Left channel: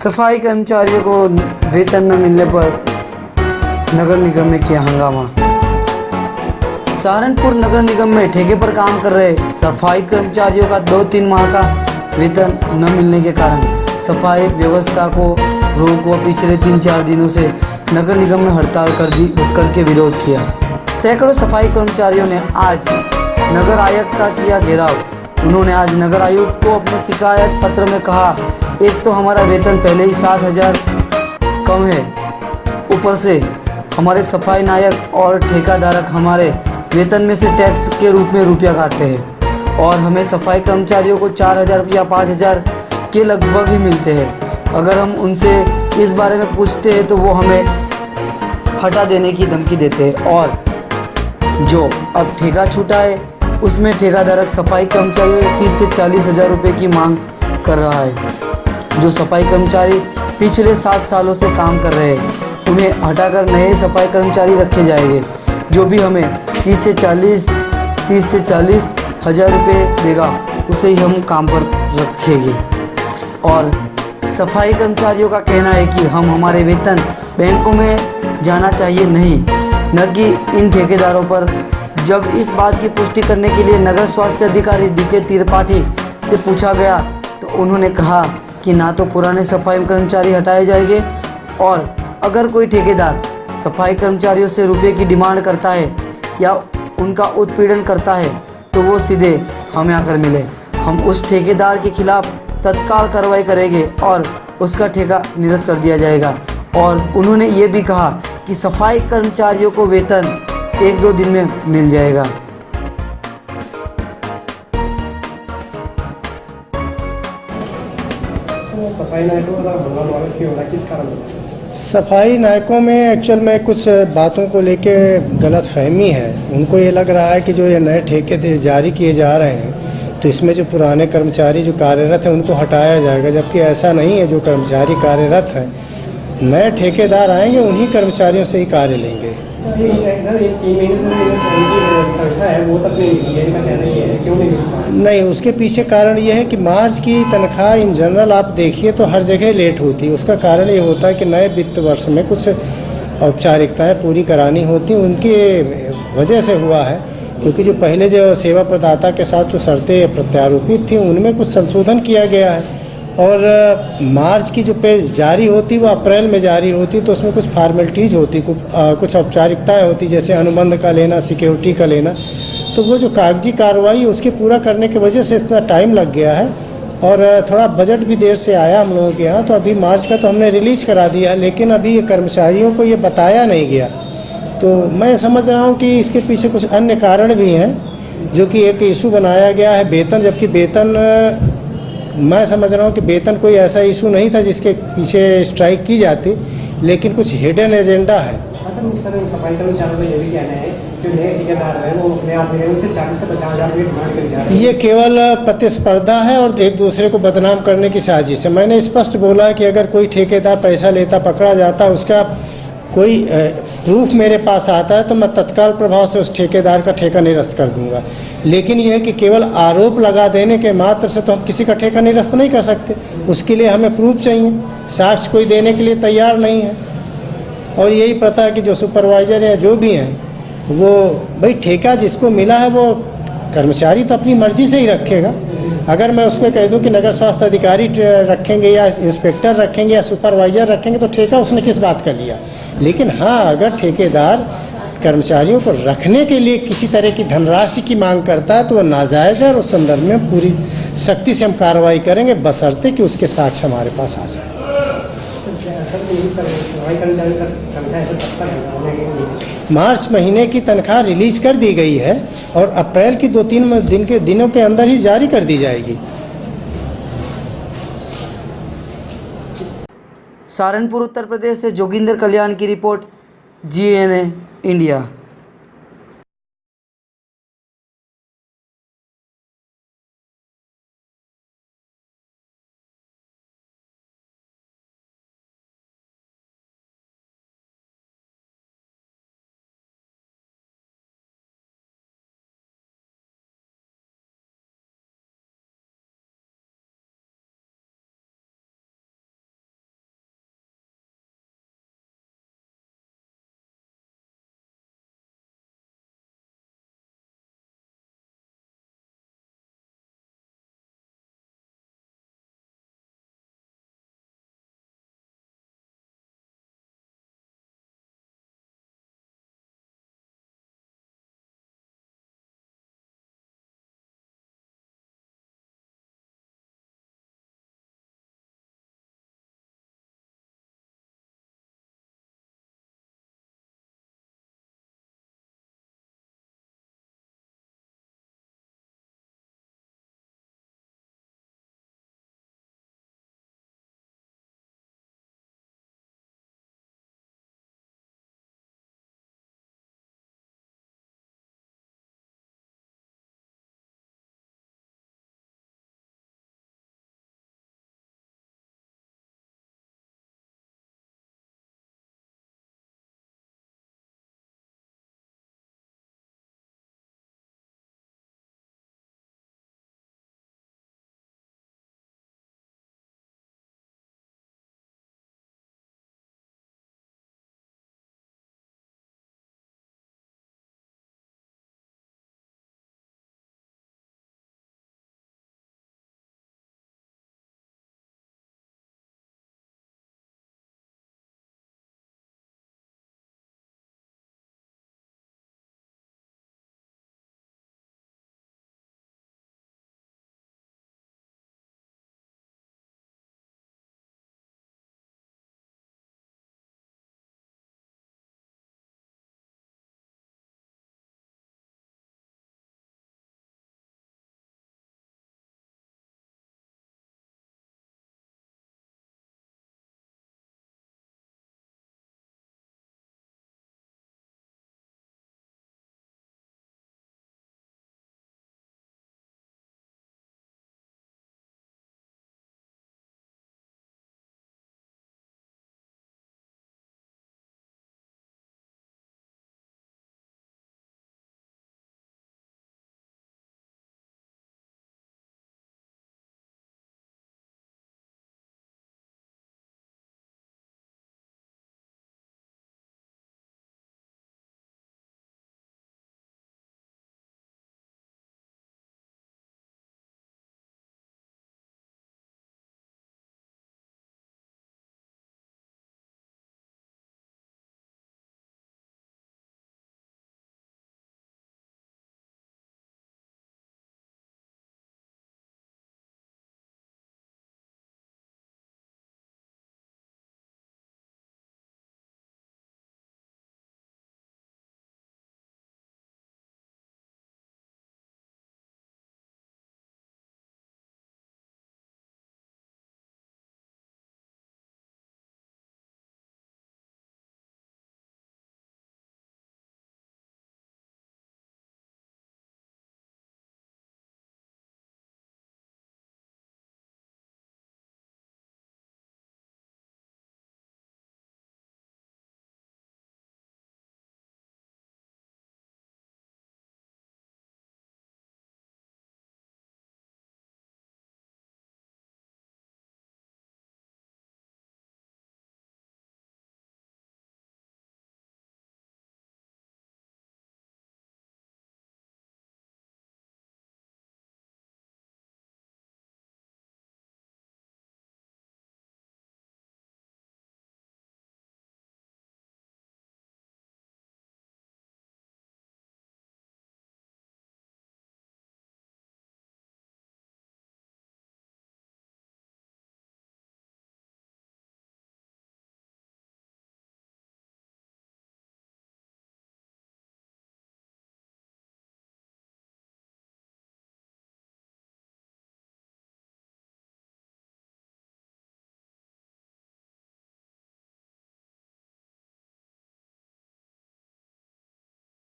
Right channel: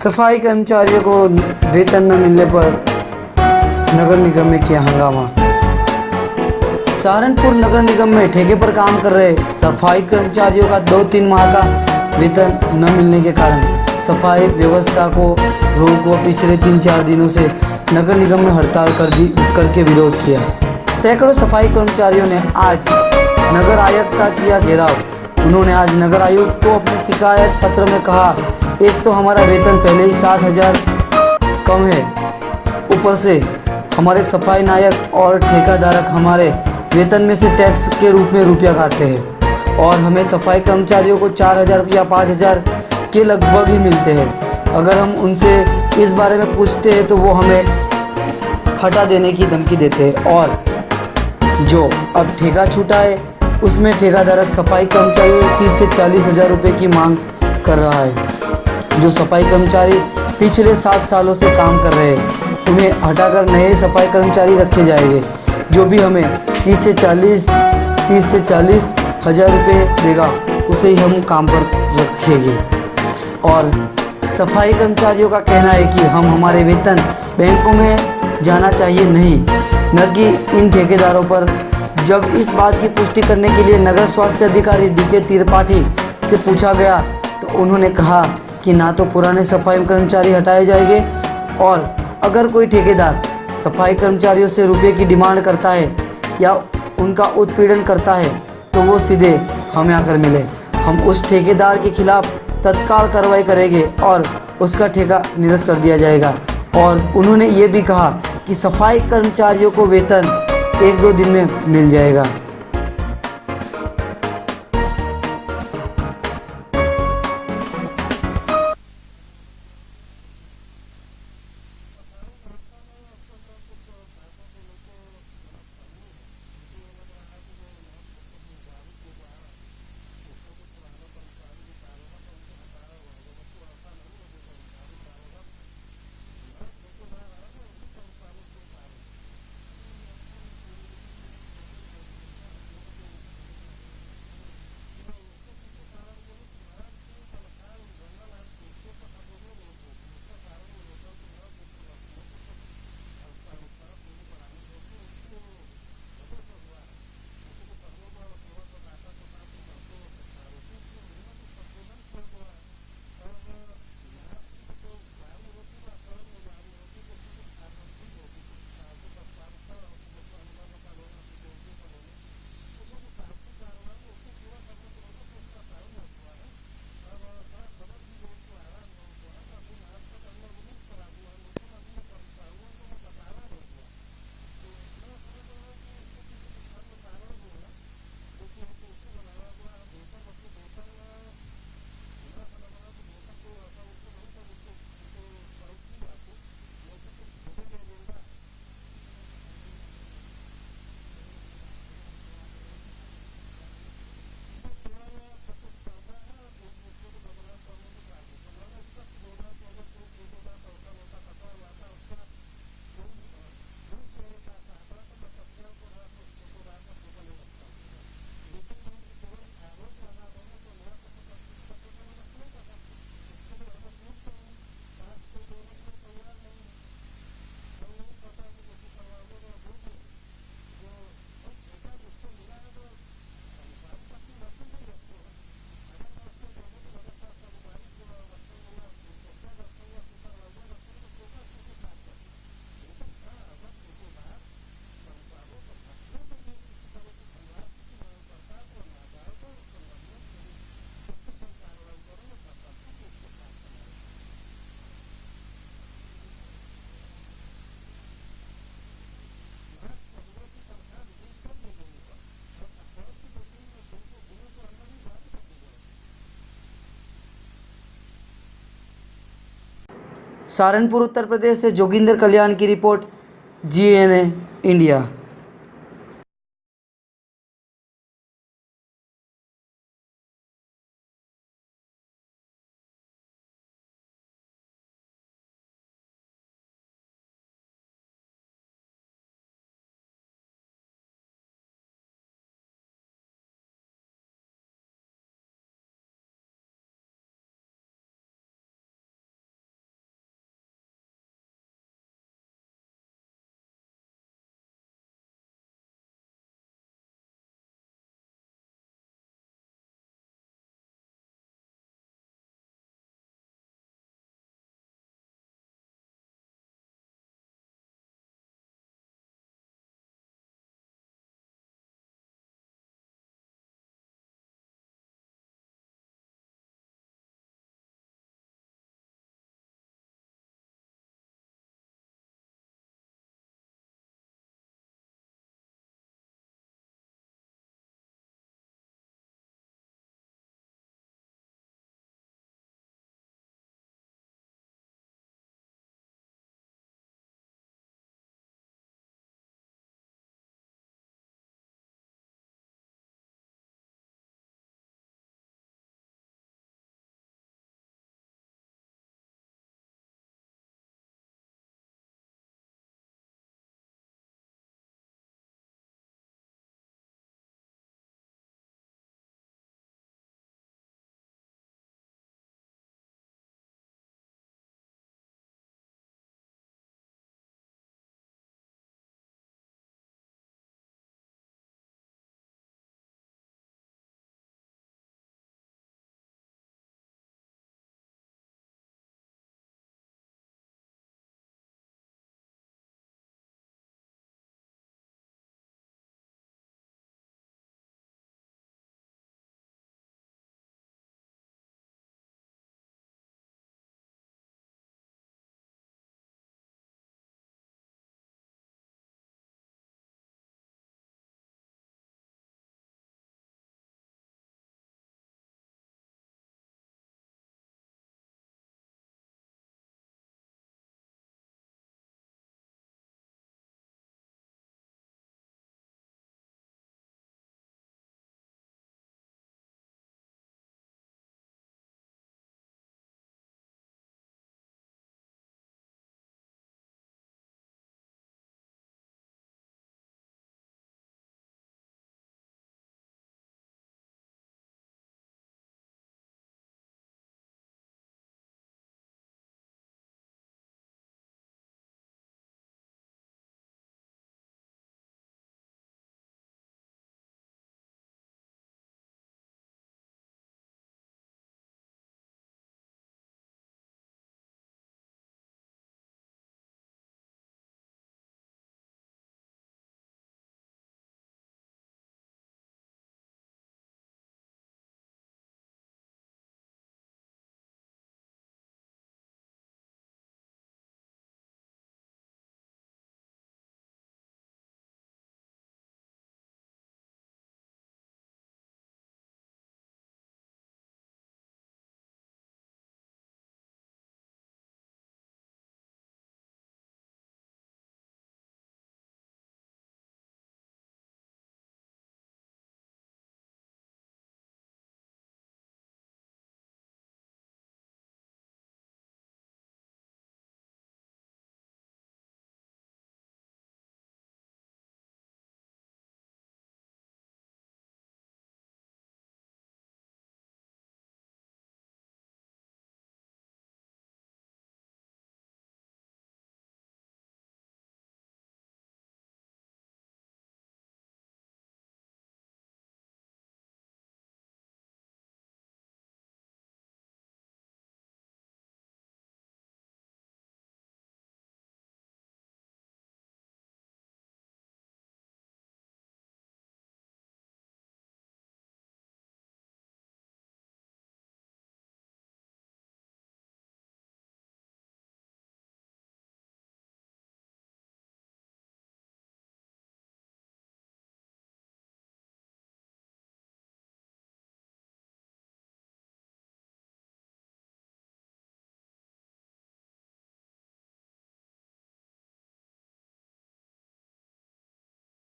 सफाई कर्मचारियों को वेतन न मिलने पर नगर निगम में किया हंगामा। सहारनपुर नगर निगम में ठेके पर काम कर रहे सफाई कर्मचारियों का 2-3 माह का वेतन न मिलने के कारण सफाई व्यवस्था को रोक व पिछले 3-4 दिनों से नगर निगम में हड़ताल करके विरोध किया। सैकड़ों सफाई कर्मचारियों ने आज नगर आयुक्त का किया घेराव। उन्होंने आज नगर आयुक्त को अपने शिकायत पत्र में कहा, एक तो हमारा वेतन पहले ही 7,000 कम है, ऊपर से हमारे सफाई नायक और ठेकेदारक हमारे वेतन में से टैक्स के रूप में रुपया काटते हैं और हमें सफाई कर्मचारियों को 4,000 या 5,000 के लगभग ही मिलते हैं। अगर हम उनसे इस बारे में पूछते हैं तो वो हमें हटा देने की धमकी देते हैं और जो अब ठेका छूटा है उसमें ठेकेदारक सफाई कर्मचारियों 30 से 40 हज़ार रुपये की मांग कर रहा है। जो सफाई कर्मचारी पिछले 7 सालों से काम कर रहे हैं उन्हें हटाकर नए सफाई कर्मचारी रखे जाएंगे, जो भी हमें 30 से 40 हज़ार रुपये देगा उसे ही हम काम पर रखेंगे। और सफाई कर्मचारियों का कहना है कि हमारे वेतन बैंकों में जाना चाहिए, नहीं न कि इन ठेकेदारों पर। जब इस बात की पुष्टि करने के लिए नगर स्वास्थ्य अधिकारी DK त्रिपाठी से पूछा गया तो उन्होंने कहा कि ना तो पुराने सफाई कर्मचारी हटाए जाएंगे और अगर कोई ठेकेदार सफाई कर्मचारियों से रुपये की डिमांड करता है या उनका उत्पीड़न करता है तो वो सीधे हमें आकर मिले। हम उस ठेकेदार के खिलाफ तत्काल कार्रवाई करेंगे और उसका ठेका निरस्त कर दिया जाएगा। और उन्होंने ये भी कहा कि सफाई कर्मचारियों को वेतन 1-2 दिन में मिल जाएगा। सफाई नायकों में एक्चुअल में कुछ बातों को लेके गलत फहमी है। उनको ये लग रहा है कि जो ये नए ठेके जारी किए जा रहे हैं तो इसमें जो पुराने कर्मचारी जो कार्यरत हैं उनको हटाया जाएगा, जबकि ऐसा नहीं है। जो कर्मचारी कार्यरत हैं, नए ठेकेदार आएंगे उन्हीं कर्मचारियों से ही कार्य लेंगे। नहीं, उसके पीछे कारण ये है कि मार्च की तनख्वाह इन जनरल आप देखिए तो हर जगह लेट होती है। उसका कारण ये होता है कि नए वित्त वर्ष में कुछ औपचारिकताएं पूरी करानी होती, उनकी वजह से हुआ है। क्योंकि जो पहले जो सेवा प्रदाता के साथ जो शर्तें प्रत्यारोपित थी उनमें कुछ संशोधन किया गया है और मार्च की जो पे जारी होती वो अप्रैल में जारी होती, तो उसमें कुछ फॉर्मेलिटीज़ होती, कुछ औपचारिकताएँ होती, जैसे अनुबंध का लेना, सिक्योरिटी का लेना। तो वो जो कागजी कार्रवाई उसके पूरा करने की वजह से इतना टाइम लग गया है और थोड़ा बजट भी देर से आया हम लोगों के यहाँ। तो अभी मार्च का तो हमने रिलीज़ करा दिया, लेकिन अभी ये कर्मचारियों को ये बताया नहीं गया। तो मैं समझ रहा हूँ कि इसके पीछे कुछ अन्य कारण भी हैं, जो कि एक इशू बनाया गया है वेतन, जबकि वेतन मैं समझ रहा हूँ कि वेतन कोई ऐसा इशू नहीं था जिसके पीछे स्ट्राइक की जाती, लेकिन कुछ हिडन एजेंडा है। सफाई कर्मचारियों का ये भी कहना है कि नए ठेकेदार हैं वो अपने आप में उनसे 40 से 50,000 रुपये डिमांड कर जा रहे हैं। ये केवल प्रतिस्पर्धा है और एक दूसरे को बदनाम करने की साजिश है। मैंने स्पष्ट बोला है कि अगर कोई ठेकेदार पैसा लेता पकड़ा जाता, उसका कोई प्रूफ मेरे पास आता है तो मैं तत्काल प्रभाव से उस ठेकेदार का ठेका निरस्त कर दूंगा। लेकिन यह है कि केवल आरोप लगा देने के मात्र से तो हम किसी का ठेका निरस्त नहीं कर सकते। उसके लिए हमें प्रूफ चाहिए, साक्ष्य कोई देने के लिए तैयार नहीं है। और यही पता है कि जो सुपरवाइज़र या जो भी हैं वो भाई ठेका जिसको मिला है वो कर्मचारी तो अपनी मर्जी से ही रखेगा। अगर मैं उसको कह दूं कि नगर स्वास्थ्य अधिकारी रखेंगे या इंस्पेक्टर रखेंगे या सुपरवाइज़र रखेंगे तो ठेका उसने किस बात का लिया। लेकिन हाँ, अगर ठेकेदार कर्मचारियों को रखने के लिए किसी तरह की धनराशि की मांग करता है तो वह नाजायज़ है और उस संदर्भ में पूरी सख्ती से हम कार्रवाई करेंगे, बशर्ते कि उसके साक्ष्य हमारे पास आ जाए। मार्च महीने की तनख्वाह रिलीज़ कर दी गई है और अप्रैल की 2-3 दिनों के अंदर ही जारी कर दी जाएगी। सहारनपुर उत्तर प्रदेश से जोगिंदर कल्याण की रिपोर्ट, GNA इंडिया।